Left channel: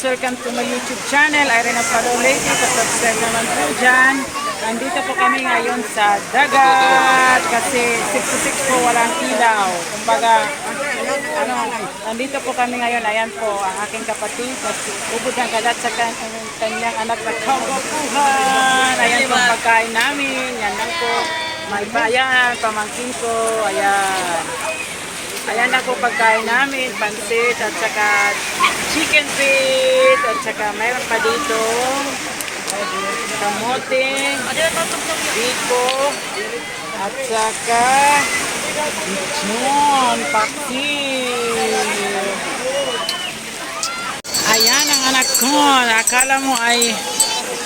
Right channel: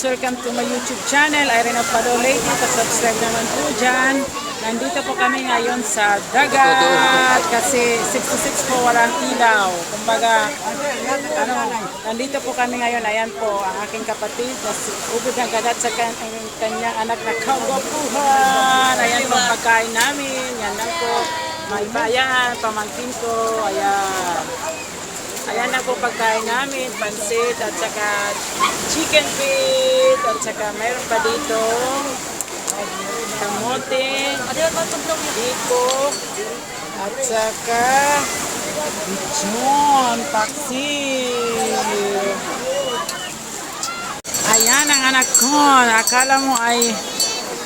guys, welcome to my YouTube channel, Irene Pado Lady. Pa-subscribe naman po dyan. Nandito po kami ngayon sa dagat kasi 66 po walang ilaw. Kumbaga, nandito po kami ngayon. Ayan po ang aking kapatid na si Ubod ng Kadat sa kanyang anak na kagapuhan. Ayan po ang pagkain namin. Yan lang po. May bayan, pamangkin ko. Ayan. Ayan na po pagkain namin, pansit at saka chicken feet at saka mayroon pa dito kamote, biko at saka lechon, paksi. Ayan ang anak ko. Akala mo ay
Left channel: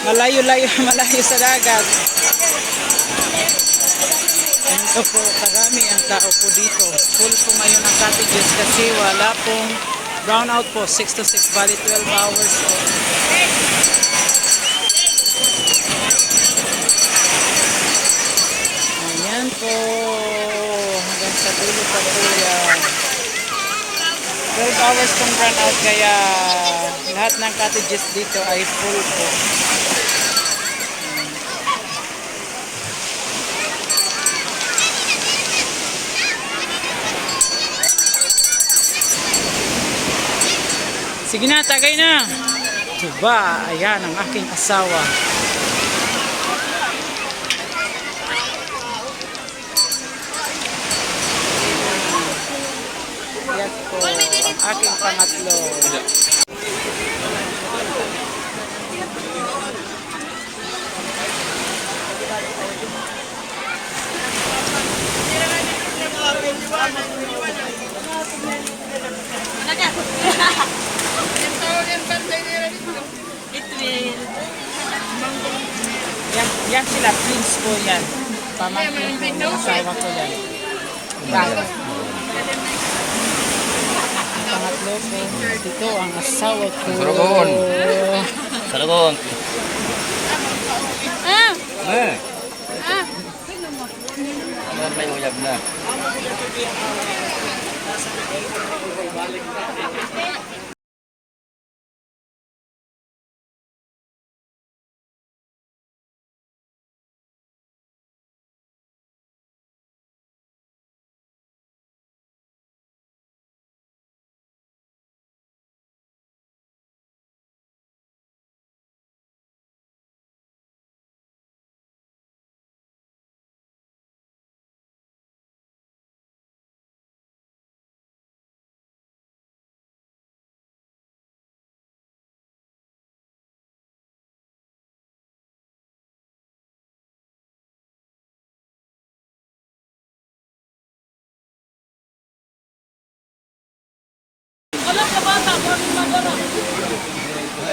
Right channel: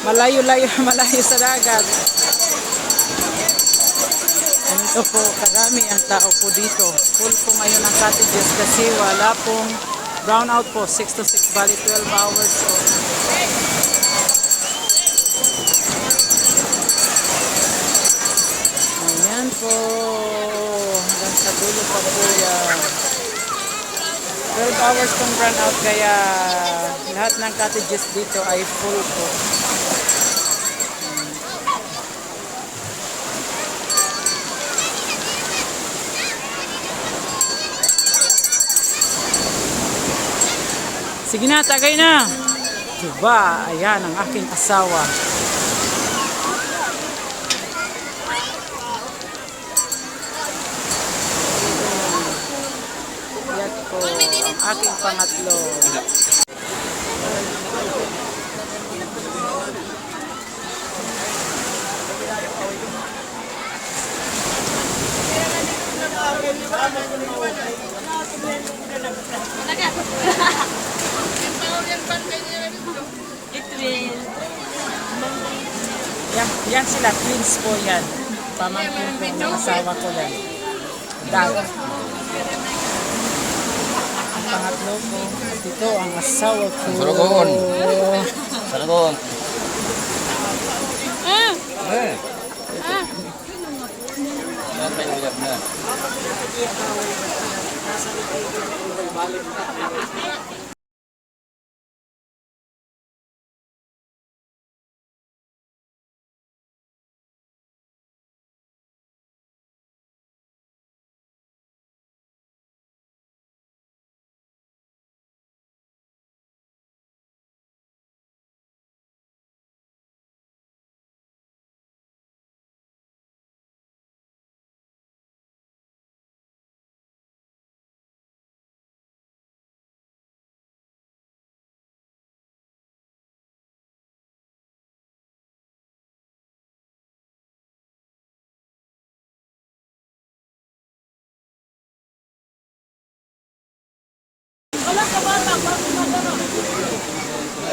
malayo-layo sa dagat. Ito po, karami ang tao po dito. Full po ngayon ang cottages kasi wala pong brownout po. 6 to 6, bali 12 hours po. Ayan po. Hanggang sa dulo pa po yan. 12 hours pong brownout kaya lahat ng cottages dito ay full po. Sige na, tagay na. Diba? Ayan ang aking asawa. Ayan po ang aking pangatlo. Yan sila, twins po yan. Pamangkin po ng asawa ko yan. Dad. Ang pangatlo ko, ito ang asawa ko. Saragon. Saragon. Tayo uyab na.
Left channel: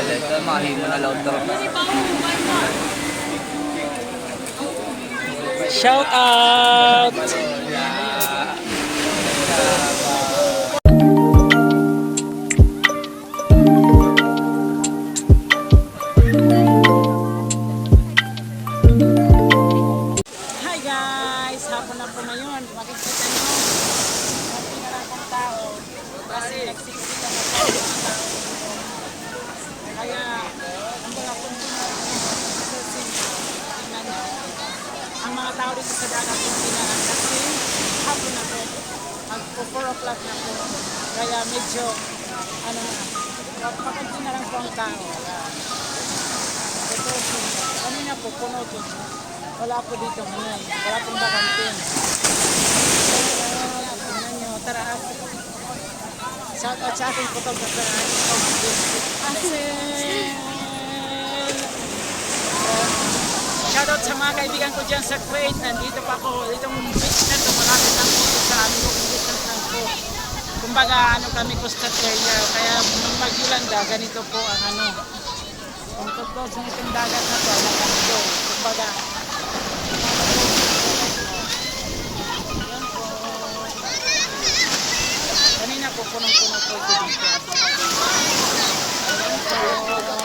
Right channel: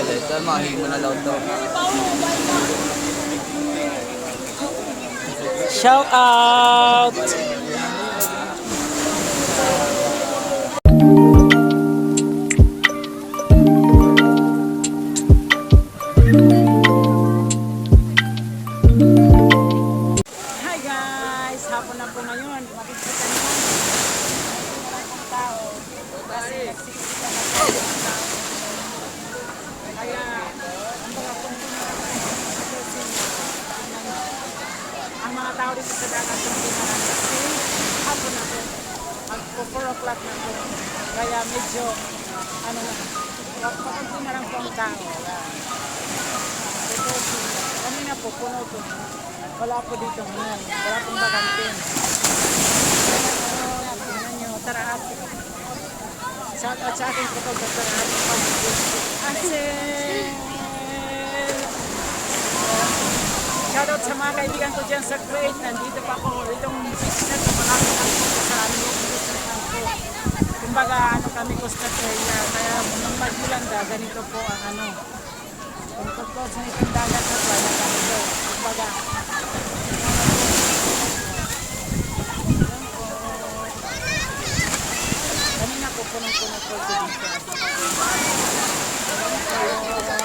Ito mahimo na laut to. Shout out! Hi guys! Hapon na po ngayon. Makikita nyo. Hapon na lang pong tao. Kasi nagsiksikan na po mga tao. Kaya, ang mga punto na lang po. Tingnan nyo. Ang mga tao dito sa dagat yung tinaran kasi hapon na po. Magpo 4 o'clock na po. Kaya medyo, pakunti na lang po ang tao. Ayan. Kanina po, puno to. Wala po dito, wala pong bakante. Tingnan nyo, tara ate. Shout out sa aking photographer na ating pamangkin. Asel! Shout out sa mga kaibigan ko dyan sa Kuwait. Nandito pa ako. Itong beach na ito, malapit lang po sa aming walking distance lang po. Kumbaga, kami coastal area. Kaya nung mag-Yolanda, ganito po ang kung totoo sa itong dagat na ito, ay nakakito. Kumbaga, kanina po, punong-puno po ito dito. Ayan po.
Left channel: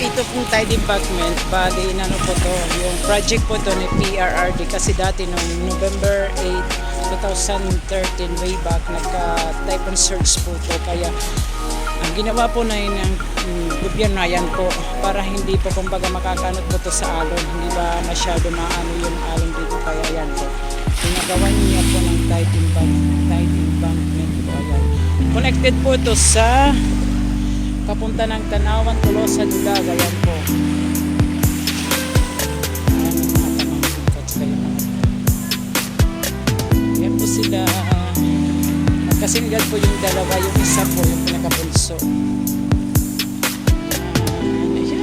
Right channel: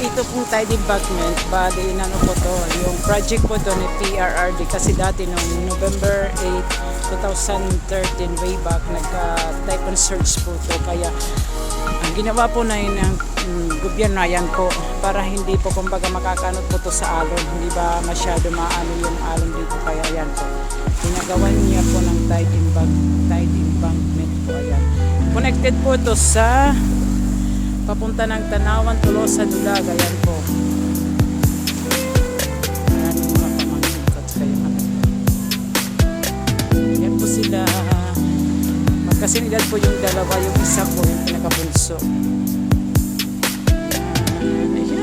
ito pong tide embankment, bali inano po to, yung project po to ni PRRD kasi dati noong November 8, 2013 way back nagka-typhoon surge po to, kaya ang ginawa po na yun ng gobyerno ayan po para hindi po kumbaga makakanot po to sa alon, hindi ba masyado maano yung alon dito, kaya ayan po ginagawa niya po ng tide embankment po, ayan connected po to sa papunta ng Tanawan, Tolosa, Dulag, ayan po. Maraming mga pamangkin ko at kayo mga. Ayan po sila. Magkasinidad po yung dalawa, yung isa po yung pinakabunso. Ayan.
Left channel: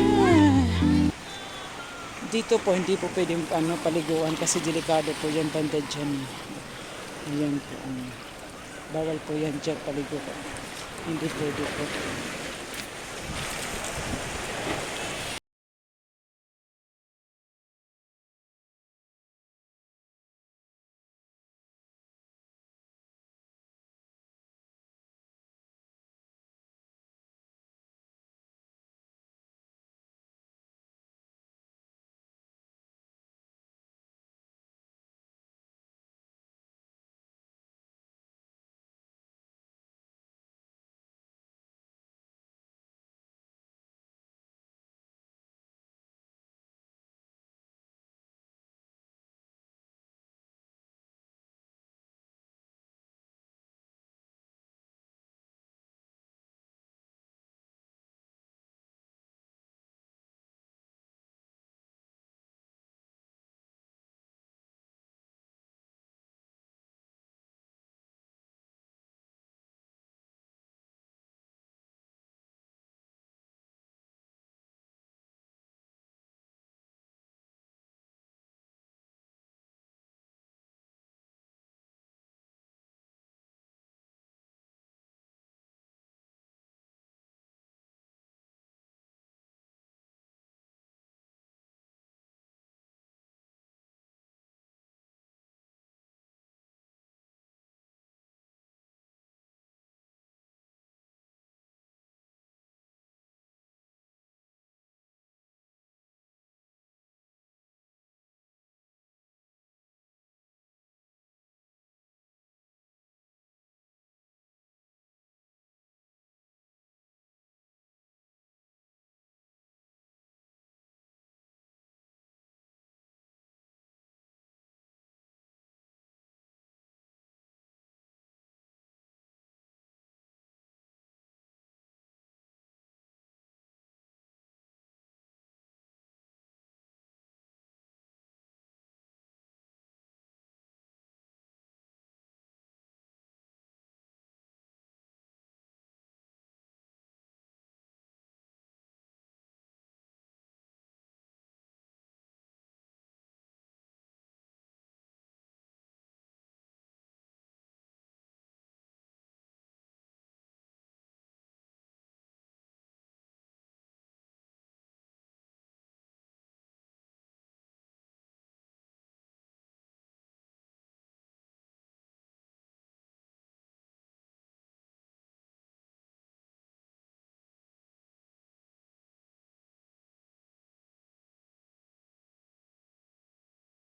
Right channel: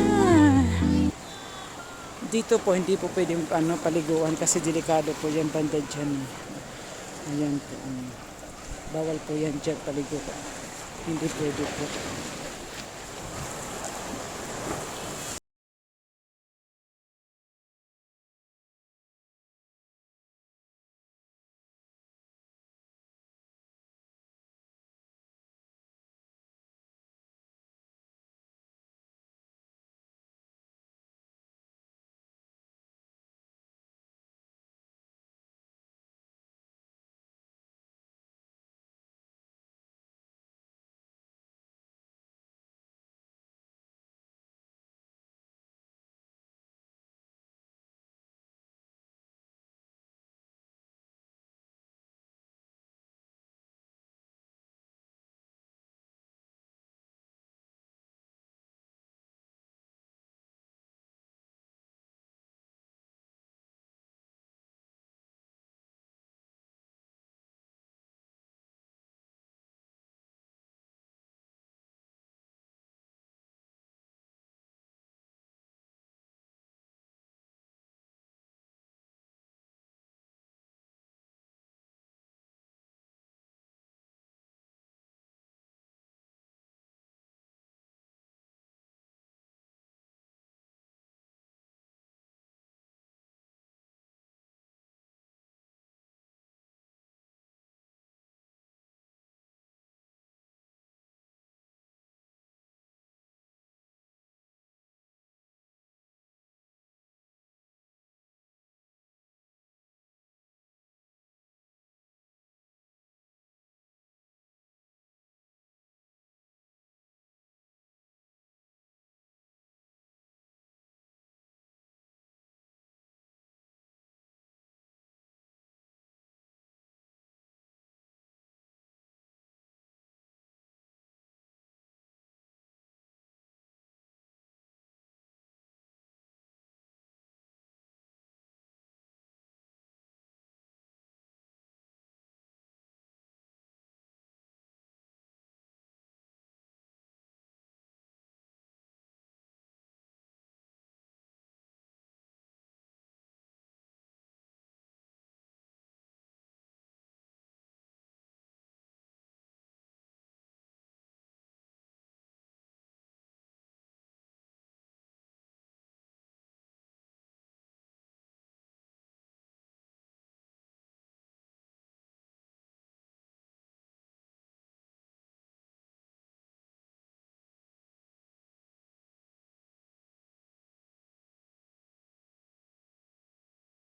Dito po, hindi po pwedeng paliguan kasi delikado po yan banda dyan. Ayan po. Bawal po yan dyan paligo po. Hindi pwede po.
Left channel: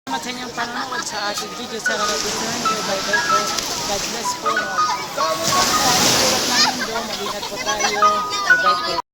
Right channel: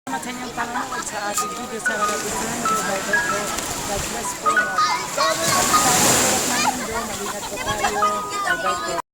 Salamat sa inyong panonood sa ating video. Sana nagustuhan nyo. Bye-bye po. God bless po. Sa mga tulad ng mundo, mag-ingat po tayo. Bye-bye po.